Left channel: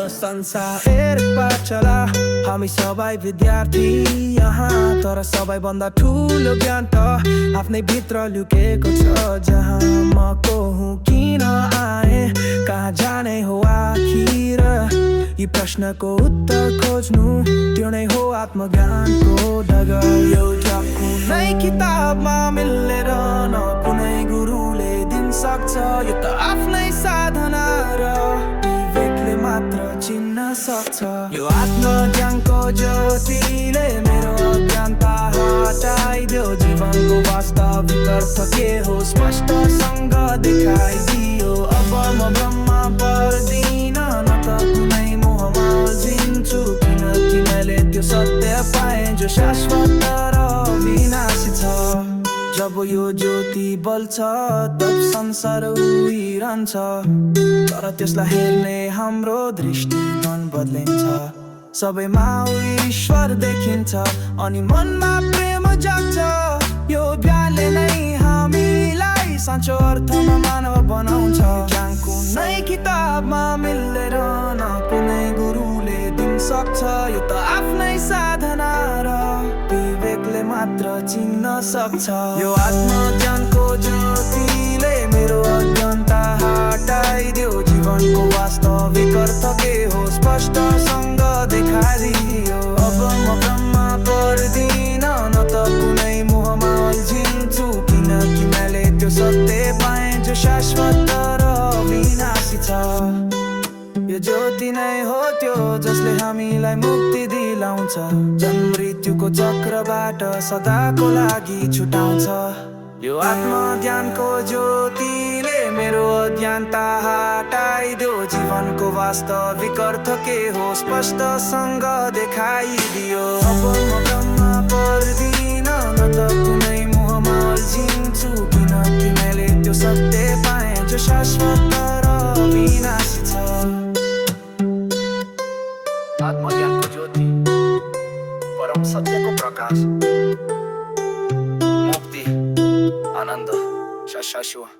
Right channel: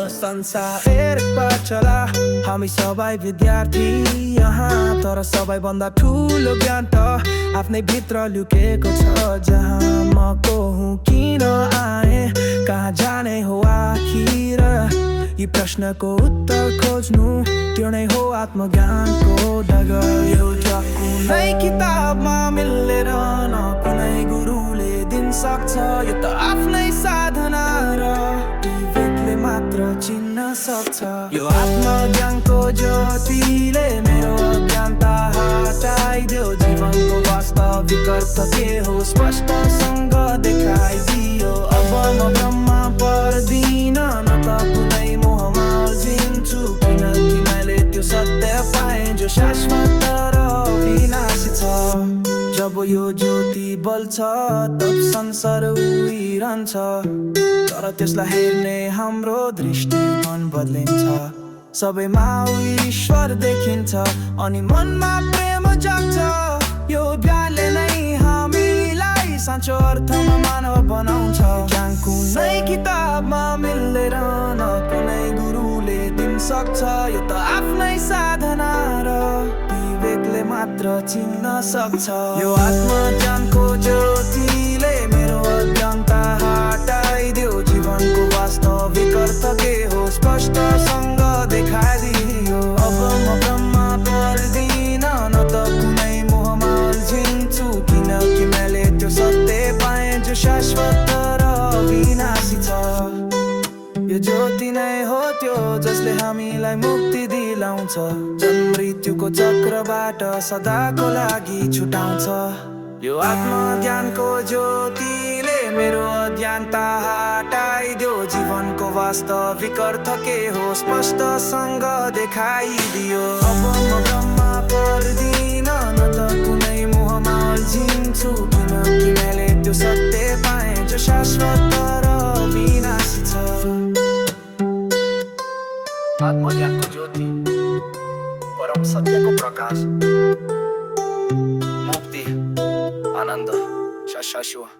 यो संसार एक पाठशाला, हामी सबै विद्यार्थी यहाँ। तर सबैभन्दा ठुलो ज्ञान त आफ्नै भित्र लुकेको छ। जहाँ म को हुँ, किन आए, कहाँ जाने हो आखिर, यी प्रश्नको उत्तर खोज्नु त्यो नै हो आत्मज्ञानको डगर। एउटा कुनै किताबमा मिलेर न कुनै गुरुले दिन सक्छ। यो त आफ्नै साधना र विवेकले मात्र चिन्न सक्छ। यो आत्मज्ञानको ज्योतिले मेरो अज्ञानता हटाइदियो। जीवनको वास्तविक अर्थ के हो स्पष्टसँग देखाइदियो। अब म ब्रह्ममा पर्दिन, न त कुनै मोहमा अल्झिन्छु। किनकि मैले त्यो सत्य पाएँ जो शाश्वत र विनाशी छ। जब यो ज्योति बल्छ तब संसार उहिरहन्छ, तर त्यसलाई हेर्ने हाम्रो दृष्टिकोण बदलिन्छ। सबैमा ईश्वर देखिन्छ अनि मनमा प्रेम जाग्छ। यो ज्ञानले नै हामीलाई साँचो अर्थमा मानव बनाउँछ। ज्ञान कुनै किताबमा मिलेर न कुनै गुरुले दिन सक्छ। यो त आफ्नै साधना र विवेकले मात्र चिन्न सक्छ। यो आत्मज्ञानको ज्योतिले मेरो अज्ञानता हटाइदियो। जीवनको वास्तविक अर्थ के हो स्पष्टसँग देखाइदियो। अब म ब्रह्ममा पर्दिन, न त कुनै मोहमा अल्झिन्छु। किनकि मैले त्यो सत्य पाएँ जो शाश्वत र विनाशी छ। यो ज्योति नै हो त्यो जसले हामीलाई मुक्ति दिलाउँछ। जन्म मृत्युको चक्रबाट सदाको लागि छुटाउँछ। यो आत्मज्ञानको ज्योतिले मेरो अज्ञानता हटाइदियो। जीवनको वास्तविक अर्थ के हो स्पष्टसँग देखाइदियो। अब म ब्रह्ममा पर्दिन, न त कुनै मोहमा अल्झिन्छु। किनकि मैले त्यो सत्य पाएँ जो शाश्वत र विनाशी छ। आत्मज्ञानको ज्योति, परम सत्यको प्रकाश, मुक्ति, आनन्द, शाश्वत।